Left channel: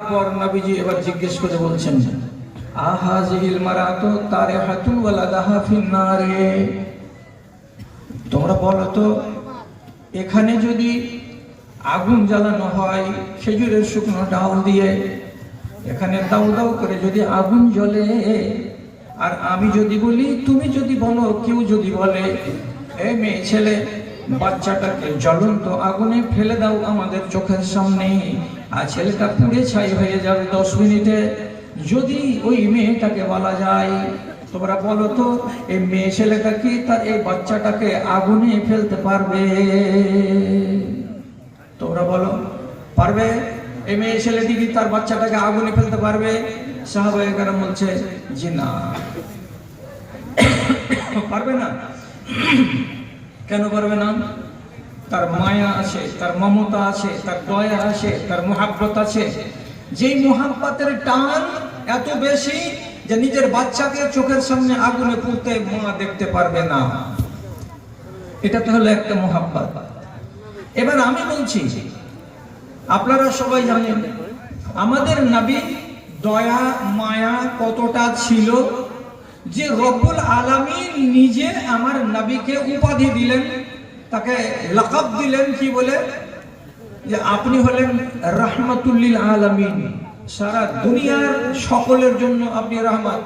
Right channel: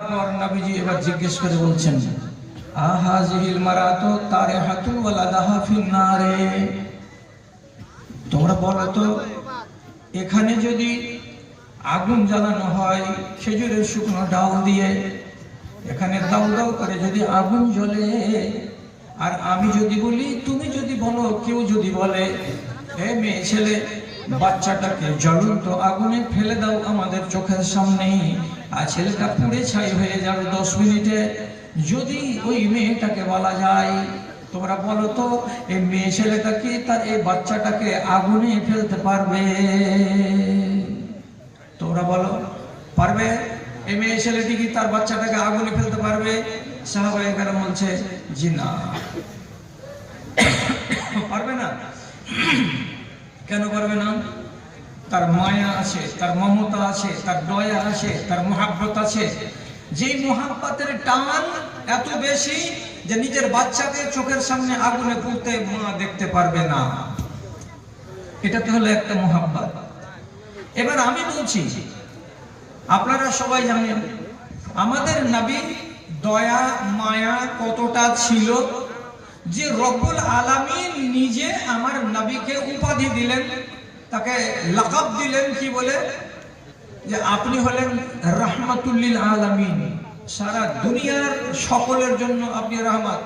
পর নবীজি এবার জিজ্ঞেস করে বলছেন, আহাজিল মারাতু তারিহাতুন ওয়ালাদাহা ফিন্নারে। তোমরা বলো তো, এখানে যদি আগুন জ্বালানো হয় খেজুরের শুকনো ডাল দিয়ে, এখানে দাউ দাউ করে যদি আগুন জ্বলে, আর আমি যদি বলি, তুমি যদি বলো, কেউ যদি বলে, এ মেয়ে ছেলে বাচ্চাটাকে জ্বলন্ত আগুনে ফেলে দাও আমাদের চোখের সামনে, আর ছেলেটা পুড়ে ছাই হয়ে যাবে 10 মিনিটে, যদি ওই মেয়েটাকে বলা যায়, তোমরা বলো তো এই মেয়ে ছেলেটা কি তার এই বাচ্চাটাকে আগুনে ফেলতে পারবে? তোমরা বলো, পারবে? এই মেয়ে ছেলেটি কি তার বাচ্চাটাকে আগুনে ফেলতে পারবে? সাহাবায়ে কেরাম বলছে, জি না, পারবে না। কেন পারবে না? তার মায়া আছে, তার মমতা আছে, তার দয়া আছে, তার মুহাব্বত আছে। যেই মুহাব্বতের টান এত বেশি যে নিজের বাচ্চাকে চোখের সামনে আগুনে পুড়তে মা দেখতে পারবে না। এটা তো হলো একটা মুহাব্বত। এবার আমি বলছি, আপনারা সবাই জানেন আমাদের নবী দয়া মায়া কতটা ছিল, যে রব্বুল আলামিন নিজে আমার নবীকে উপাধি দিলেন, তাকে লকব দিলেন, কি বলে, যে আপনি হলেন রাহমাতুল লিল আলামিন, সারা দুনিয়ার সকলের জন্য আপনি রহমত।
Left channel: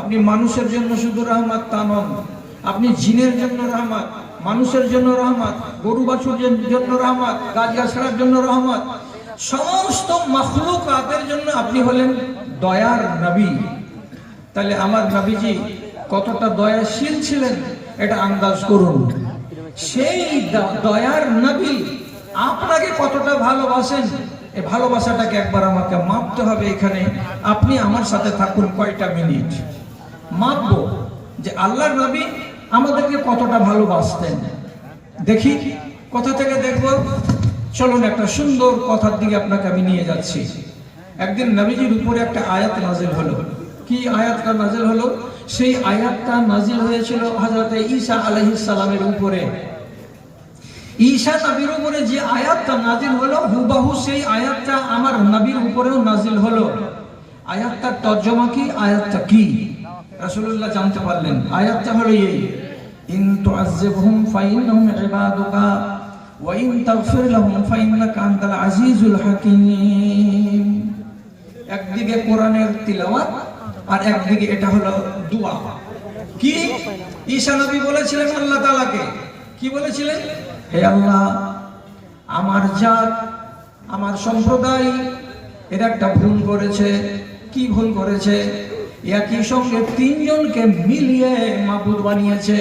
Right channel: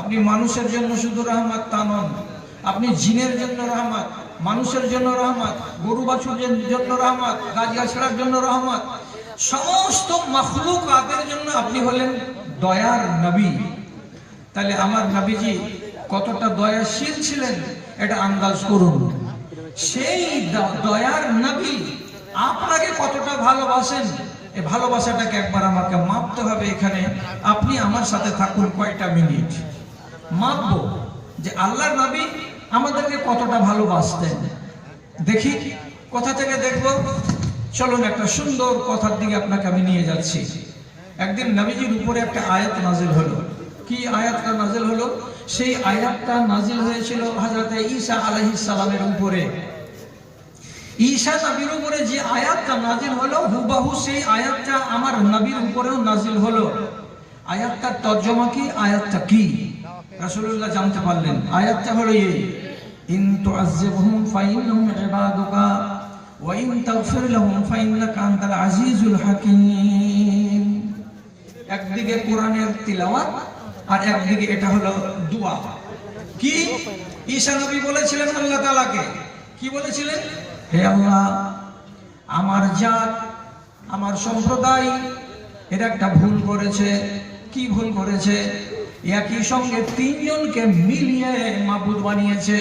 আপনি মানুষের জন্য শুধু রহমত তা নন, আপনি জিনের জন্য রহমত, মানুষের জন্য রহমত, গরু বাছুরের জন্য রহমত, গাছগাছড়ার জন্য রহমত, সমস্ত মাখলুকাতের জন্য আপনি হলেন দয়ার নবী। তাহলে আমার নবীজি কতটা দয়াশীল ছিলেন এটা আন্দাজ করুন। সেই দয়ার নবী আপনাকে কতটা ভালোবাসেন, এই ভালোবাসাটাকে একবার আমাকে মাপতে হবে। এখানে আপনি আমার সাথে থাকুন কয়টা মিনিট, মাপবো যে আল্লাহর নবী আমাদেরকে কতটা ভালোবাসতেন। দেখি কোথা থেকে দেখবো, চলুন একটা সুন্দর কথার দিকে আপনাকে আমি নিয়ে যাচ্ছি। একদিন নবীজির উপরে একটা আয়াত নাজিল হলো। কি আয়াতটা নাজিল হলো? সেই আয়াতটা নাজিল হয়েছিল হযরতে ঈসা আলাইহিস সালামের উপরে। ঈসা নবীর উপরে যে আয়াতটা নাজিল হলো, হুবহু সেই আয়াতটা আমার নবীর উপরেও নাজিল হলো। আয়াতটার তর্জমা কি, আয়াতটা কি রাসূলুল্লাহ জানতে পারলেন। আয়াতটা হলো এই, ইন তুআযিবহুম ফাইন্নাহুম ইবাদুকা ওয়া ইন তাগফির লাহুম ফাইন্নাকা আনতাল আজিজুল হাকীম। একদিকে কোরআনের তিলাওয়াত আর একদিকে এটা হলো দোয়া। কি ঈসা নবী বলেছিলেন আল্লাহ তাআলাকে, কি বলেছিলেন? হে আল্লাহ, আমার জাত, আমার সম্প্রদায় এর একটা ভুল করেছে। কি ভুল করেছে? একই সঙ্গে তিনজনকে মিলিয়ে মাবুদ বানিয়েছে।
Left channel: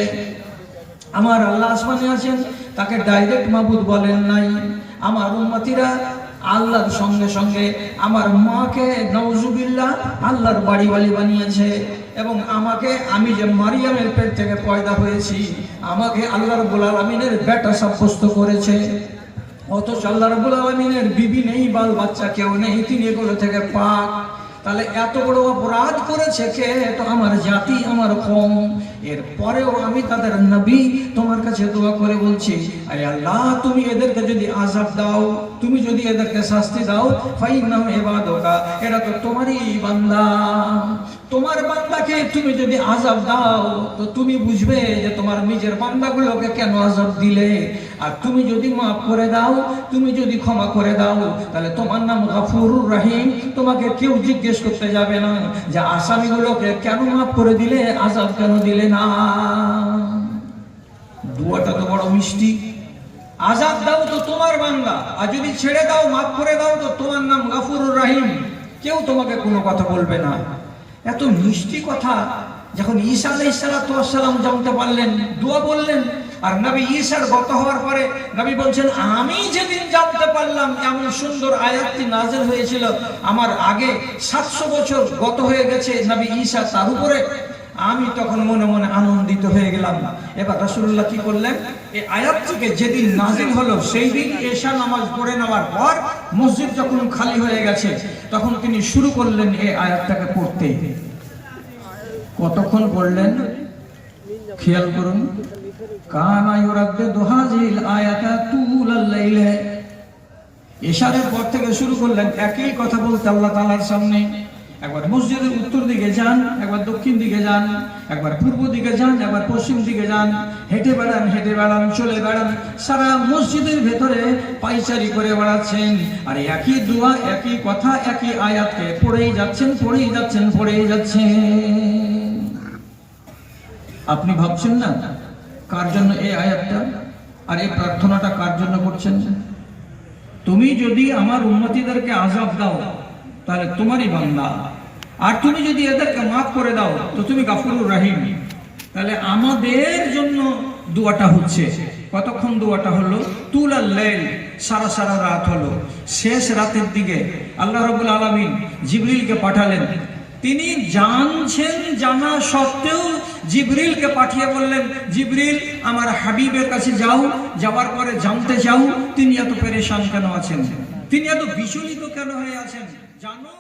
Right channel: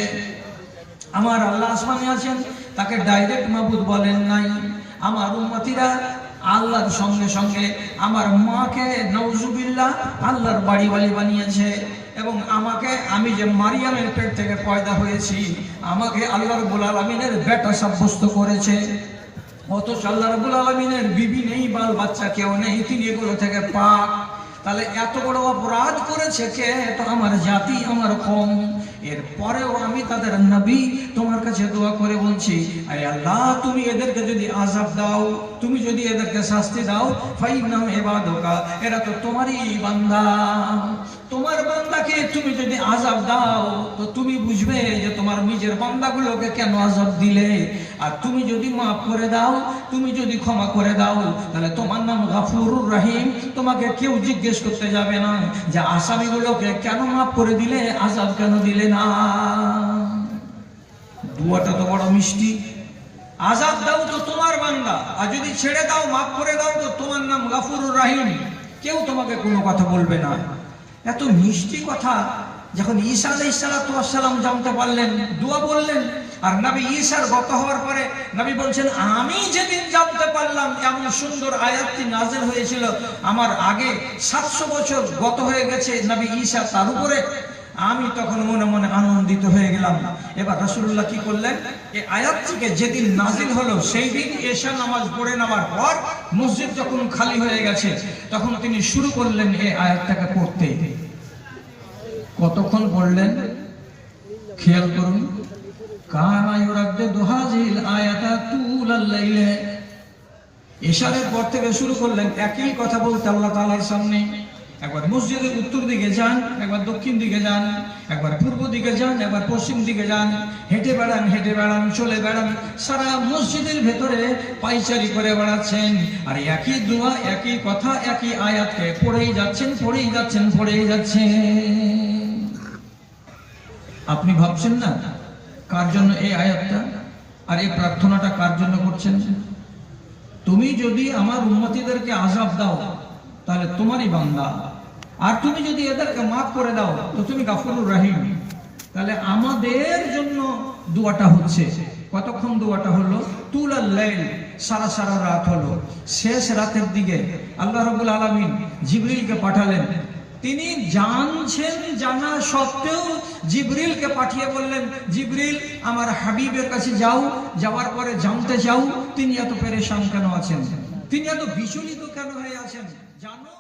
আমার আল্লাহ আসমানে আছেন, তাকে ডাইরেক্ট মাবুদ বলেন নাই। আমার উম্মতিরা আল্লাহর সঙ্গে সঙ্গে আমার মাকে নাউজুবিল্লাহ আল্লাহর বাড়িওয়ালি বানিয়েছে, এবং আমাকে, আমি যে মারিয়ামের পেট থেকে পয়দা হয়েছি, আমাকে আল্লাহ রাব্বুল আলামিনের বেটা সাব্যস্ত করেছে। অথচ আল্লাহ রাব্বুল আলামিনের বিবি নেই, বাল বাচ্চা কেউ নেই, তিনি এগুলো থেকে পাক। তাহলে এত বড় অপরাধ করেছে কে? তো আমার জাতি, আমার কওম। এরপরেও আমি তাদের নবী তোমার কাছে দোয়া করে বলছি, আরে আল্লাহ, তুমি এদেরকে যদি আযাব দাও, তুমি যদি এদেরকে শাস্তি দাও, ফাইন্নাহুম ইবাদুকা, এরা তো তোমারই বান্দা। তোমার বান্দাকে তুমি যদি আযাব দাও, তো তুমি বুঝবে যে তোমার নিজের বান্দাগুলোকে কেন আযাব দিলে। আর তুমি যদি মাফ করে দাও, তুমি যদি ক্ষমা করে দাও, তাহলে তোমার নাম গফুরুর রহিম। তোমাকে কেউ জিজ্ঞেস করতে যাবে না যে আসামিগুলোকে কেন মাফ করে দিলে, আযাব কেন দিলে না। দুয়াটা তো বড় মিষ্টি। আযাব দাও তো তোমার বান্দা, আর যদি ছেড়ে দাও, মাফ করে দাও, তো তোমার নাম গফুরুর রহিম। কেউ তোমাকে কোনো কথা বলবে না। এত মিষ্টি কথা যখন ঈসা আলাইহিস সালাম জানতে পারলেন, দোয়া বললেন। আর নবী ঈসার গত হওয়ার পরে নবী বলছেন, আমি যেদিন জানতে পারলাম এমন সুন্দর আয়াতটি নাযিল হয়েছিল, আমার আগে 700 বছর গত হয়ে গেছে নবী ঈসা তার উপরে, আমি তখন মনে মনে আনন্দিত হয়ে গেলাম। এবার রাসূলুল্লাহ কি করলেন? এই আয়াতটিকে যেদিন নাযিল হলো, সেই দিন ঈশা নামাজ পড়ে নেওয়ার পর মসজিদ যখন খালি হয়ে গেছে, তখন তিনি শুরু করলেন এই আয়াতটাকে পড়তে। কতক্ষণ পড়লেন খেয়াল করুন। কানা ইউরাদ্দিদু হাযিহিল আয়াতা তুলাল লাইলি, ইশারের পর থেকে শুরু করলেন একই কথা বলতে আল্লাহ তাআলার সামনে। একবার মসজিদের উত্তর দিকে যান, একবার দক্ষিণ দিকে যান, একবার পূর্ব দিকে যান, একবার পশ্চিম দিকে যান, হেঁটে বেড়ান, চলে বেড়ান, সারা মসজিদের ভেতরে পায়চারি করে বেড়াচ্ছেন। আর একই দোয়া, একই কথা, একই আয়াতকে পড়েই যাচ্ছেন। আপনি ভাবছেন না কার জন্য এই আয়াতটা আর এই প্রার্থনাটা কার জন্য করছেন? তুমি যদি আমার উম্মতীদেরকে আযাব দাও তাহলে তোমারই বান্দা, আর তুমি যদি এদেরকে মাফ করে দাও তো তুমি গাফুরুর রহিম। তাহলে আমাদের জন্য দোয়াটা হচ্ছে। কতক্ষণ দোয়াটা হলো? তুলাল লাইল, সারা রাত হলো। শেষ রাতের দিকে আল্লাহ রাব্বুল আলামিন জিবরিলকে পাঠালেন। তিনি জানছেন, জানা সত্ত্বেও জিবরিলকে পাঠিয়ে বললেন, জিবরিল আমার হাবিবের কাছে যাও, যাওয়ার পরে জানতে চাও তিনি এত পেরেশান কেন আছেন, তিনি এত বিচলিত কেন হয়ে আছেন, জানো।